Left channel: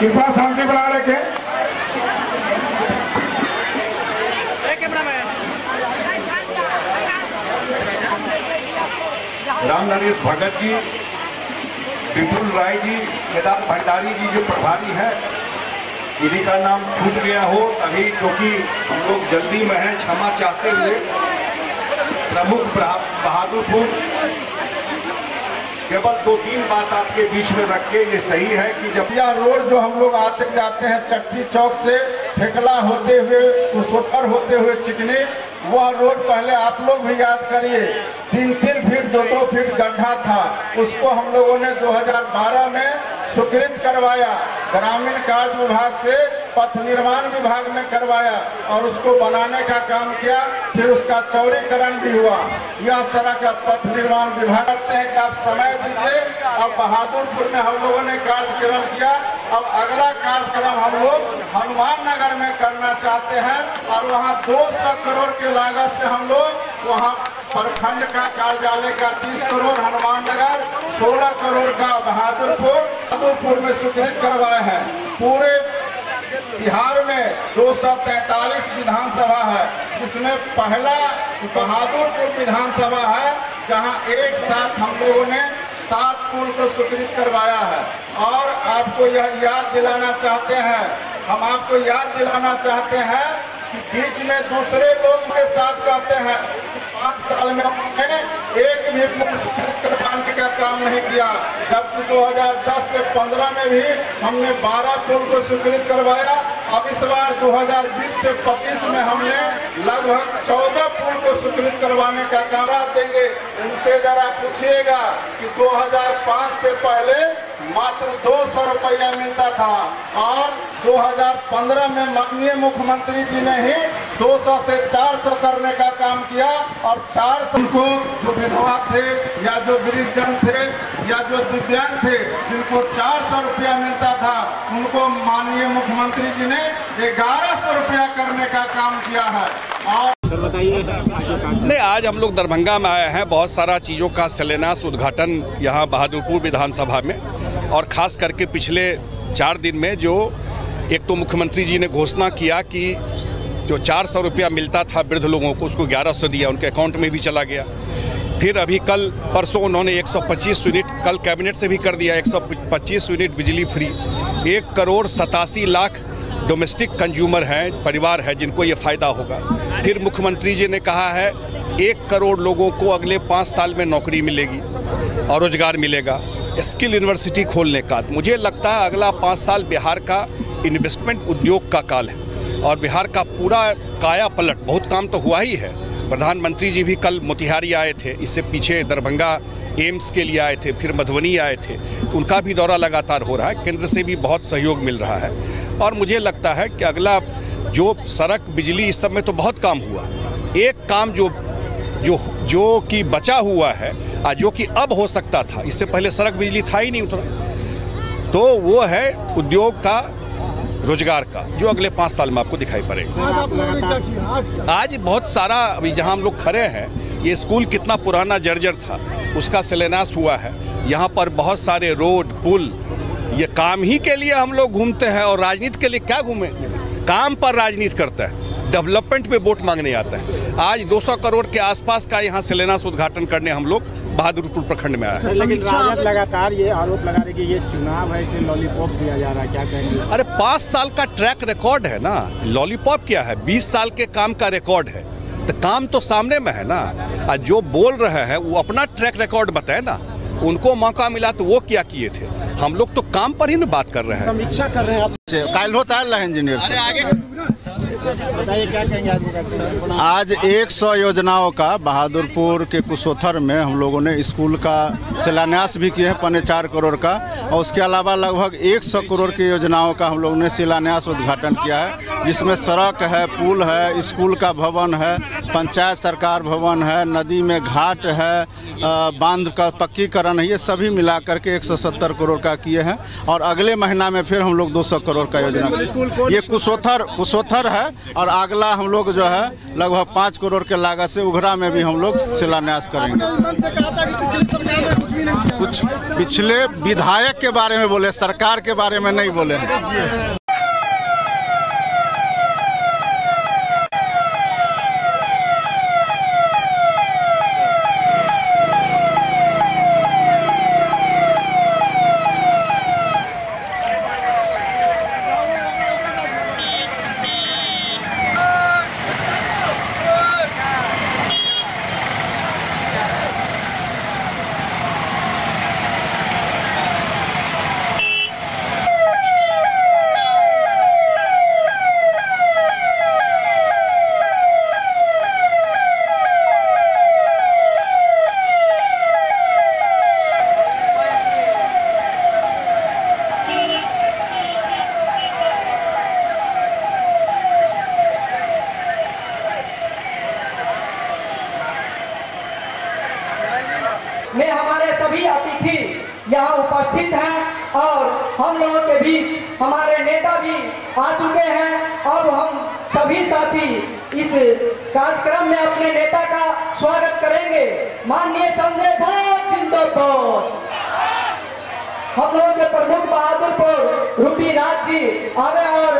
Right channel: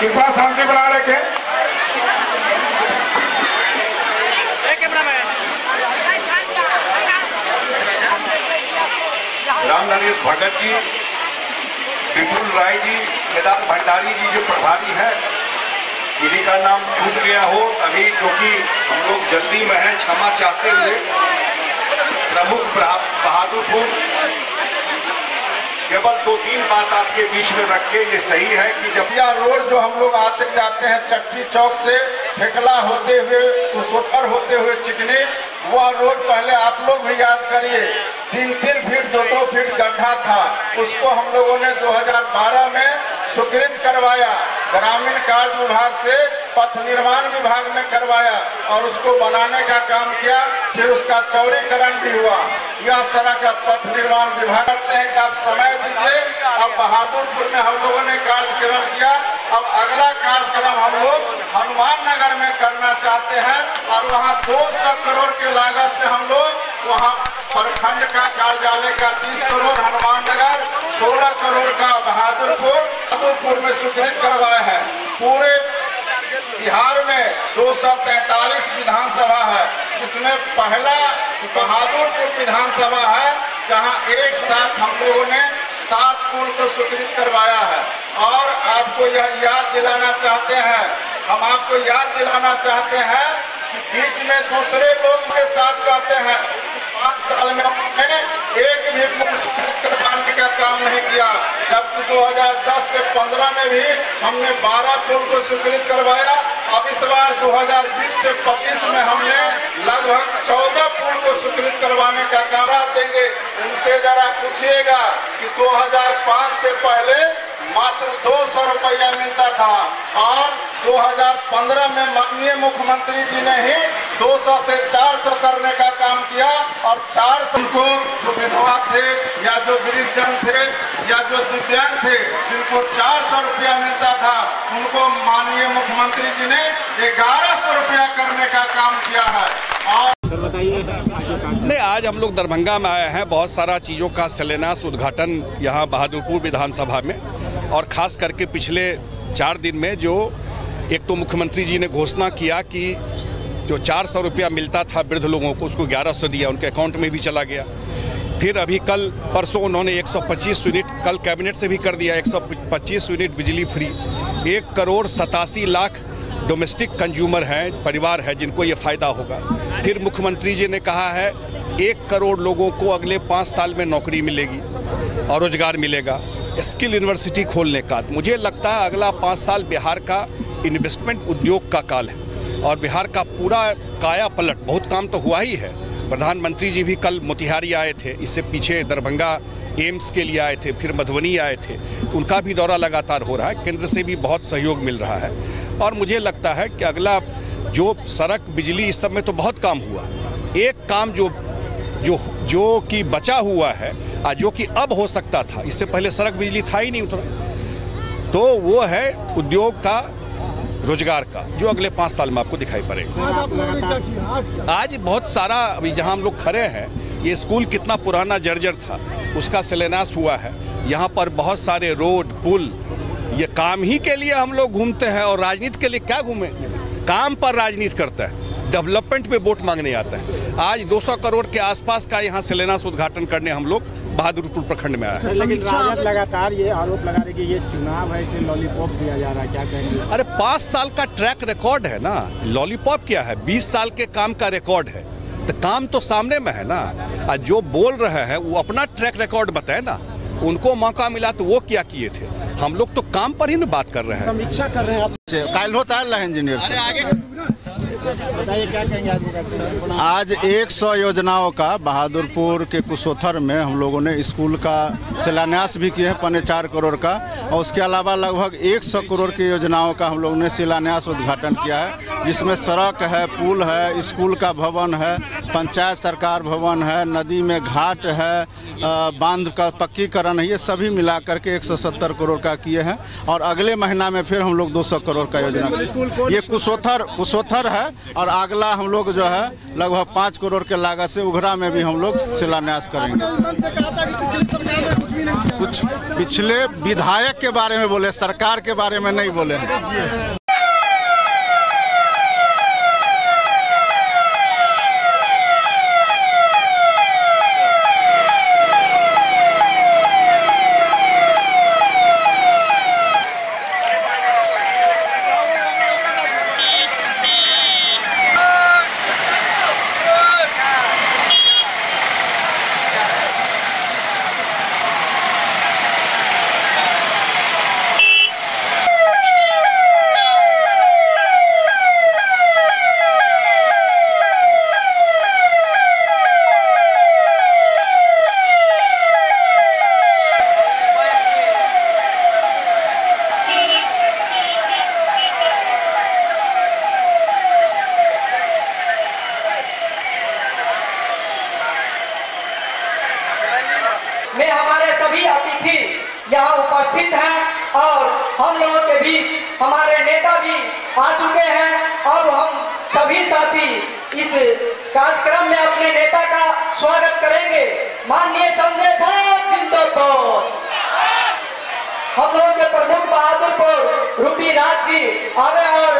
कृपया शांति बनाए रखें। राम नरेश भगत जी, विपुल राय जी, केदार भंडारी जी जो प्रभारी है, इन्हीं का नाम छूट गया हो अभी, क्योंकि हम लोग जल्दी में हैं, क्षमा चाहते हुए। प्रमुख बहादुरपुर, केवल 2-3 बात आपके बीच में रख के, ये सही है कि जब यह रोड जो हम लोग आते जाते हैं चट्टी चौक से फेकला होते हुए कुशोथर होते हुए चिकनी, वह रोड पहले आप लोग भी याद करिए 3-3 फीट 2-2 फीट गड्ढा था। उसको हम लोगों ने 2012 में स्वीकृत करवाया, ग्रामीण कार्य विभाग से पथ निर्माण विभाग में करवाया और उसको बनाने का काम किया। फिर उसका चौड़ीकरण भी हुआ। यह सड़क पथ निर्माण विभाग करते हैं कि आप समय दीजिए। अब बहादुरपुर में हम लोगों ने कार्यक्रम किया, अब अगला कार्यक्रम हम लोग हनुमान नगर में करना चाहते हैं और वहाँ 200 करोड़ के लागत से हम लोग वहाँ प्रखंड का कार्यालय का 30 करोड़ हनुमान नगर, 16 करोड़ का बहादुरपुर में स्वीकृत करवाए हैं। पूरे बिहार में 243 विधानसभा है, जिसमें पहला बहादुरपुर विधानसभा है जहां एक साथ हम लोगों ने 7 पुल को स्वीकृत करवाया है। और आपको यह याद दिलाना चाहते हैं, हम आपको याद दिलाना चाहते हैं कि बीच में दूसरे लोग के साथ कहते हैं 5 साल में हमने एक भी पुल स्वीकृत करवाने का काम नहीं किया, जबकि 2010 से 15 में भी हमने 12 पुल को स्वीकृत करवाया। अब इस बार 2020 से 25 में हमने लगभग 14 पुल को स्वीकृत करवाने का काम देंगे। उनसे जरा पूछिएगा कि 2005 से पहले मात्र 200 रुपया मिलता था और 2015 में माननीय मुख्यमंत्री जी ने ही 200 से 400 करने का काम किया और 400 को जो विधवा थे या जो वृद्धजन थे या जो दिव्यांग थे जिनको 400 रुपया मिलता था, उनको माननीय मुख्यमंत्री जी ने 1100 रुपया करने का काम किया है। और नहीं, आज हम लोग दरभंगा में आए हैं, बहुत सारा चीज़ों का शिलान्यास उद्घाटन यहाँ बहादुरपुर विधानसभा में, और ख़ास करके पिछले 4 दिन में जो एक तो मुख्यमंत्री जी ने घोषणा किया कि जो 400 रुपया मिलता था वृद्ध लोगों को, उसको 1100 दिया, उनके अकाउंट में भी चला गया। फिर अभी कल परसों उन्होंने 125 यूनिट, कल कैबिनेट से भी कर दिया, 125 यूनिट बिजली फ्री। 1,87,00,000 डोमेस्टिक कंज्यूमर हैं, परिवार है जिनको ये फ़ायदा होगा। फिर मुख्यमंत्री जी ने कहा है 1 करोड़ लोगों को अगले 5 साल में नौकरी मिलेगी और रोजगार मिलेगा। स्किल यूनिवर्सिटी खोलने का, मुझे लगता है अगला 5 साल बिहार का इन्वेस्टमेंट उद्योग का काल है और बिहार का पूरा काया पलट, बहुत काम तो हुआ ही है। प्रधानमंत्री जी भी कल मोतिहारी आए थे, इससे पीछे दरभंगा एम्स के लिए आए थे, फिर मधुबनी आए थे, उनका भी दौरा लगातार हो रहा है। केंद्र से भी बहुत सहयोग मिल रहा है और मुझे लगता है कि अगला जो सड़क, बिजली, इस सब में तो बहुत काम हुआ। एक काम जो कि बचा हुआ है, जो कि अब हो सकता था, इससे पहले सड़क बिजली था ही नहीं उतना, तो वो है उद्योग का, रोजगार का, जो अगले 5 साल में आपको दिखाई पड़ेगा। आज बहुत सारा, अभी जहां हम लोग खड़े हैं, ये स्कूल कितना पुराना जर्जर था, उसका शिलान्यास हुआ है। यहाँ पर बहुत सारे रोड, पुल, ये काम ही के लिए हम लोग घूमते हैं और राजनीति के लिए क्या घूमें, काम पर राजनीति करता है, डेवलपमेंट पे वोट मांगने आता है। आज 200 करोड़ के आसपास का यहाँ शिलान्यास उद्घाटन करने हम लोग बहादुरपुर प्रखंड में आए। लेकिन राजद लगातार ये आरोप लगा रही कि ये चुनाव है, इसे लॉलीपॉप दिया जा रहा है, क्या कहेंगे? अरे 5 साल का ट्रैक रिकॉर्ड है ना, लॉलीपॉप क्या है, 20 साल के काम का रिकॉर्ड है, तो काम तो सामने में है ना। जो बोल रहे हैं वो अपना ट्रैक रिकॉर्ड बताए ना, उनको मौका मिला तो वो क्या किए थे, हम लोग तो काम पर ही ना बात कर रहे हैं, समीक्षा कर रहे हैं आप। कल होता है इंजीनियर से बताइए क्या कहेंगे? आज 100 योजनाओं का बहादुरपुर के कुशोथर में हम लोगों ने स्कूल का शिलान्यास भी किए हैं, 4.25 करोड़ का, और उसके अलावा लगभग 100 करोड़ की योजनाओं का हम लोगों ने शिलान्यास उद्घाटन किया है, जिसमें सड़क है, पुल है, स्कूल का भवन है, पंचायत सरकार भवन है, नदी में घाट है, बांध का पक्कीकरण है, ये सभी मिला करके 170 करोड़ का किए हैं। और अगले महीना में फिर हम लोग 200 करोड़ का योजना, ये कुशोथर है, और अगला हम लोग जो है लगभग 5 करोड़ के लागत से उघरा में भी हम लोग शिलान्यास करेंगे। कुछ पिछले विधायक के बारे में बोले, सरकार के बारे में नहीं बोले हैं। में हमारे सभी अतिथि यहाँ उपस्थित हैं और हम लोगों के बीच हमारे नेता भी आ चुके हैं। अब हम सभी साथी इस कार्यक्रम में अपने नेता का स्वागत करेंगे। माननीय संजय झा जिंदाबाद। हम लोगों के प्रमुख बहादुरपुर रूपी राज जी आवे और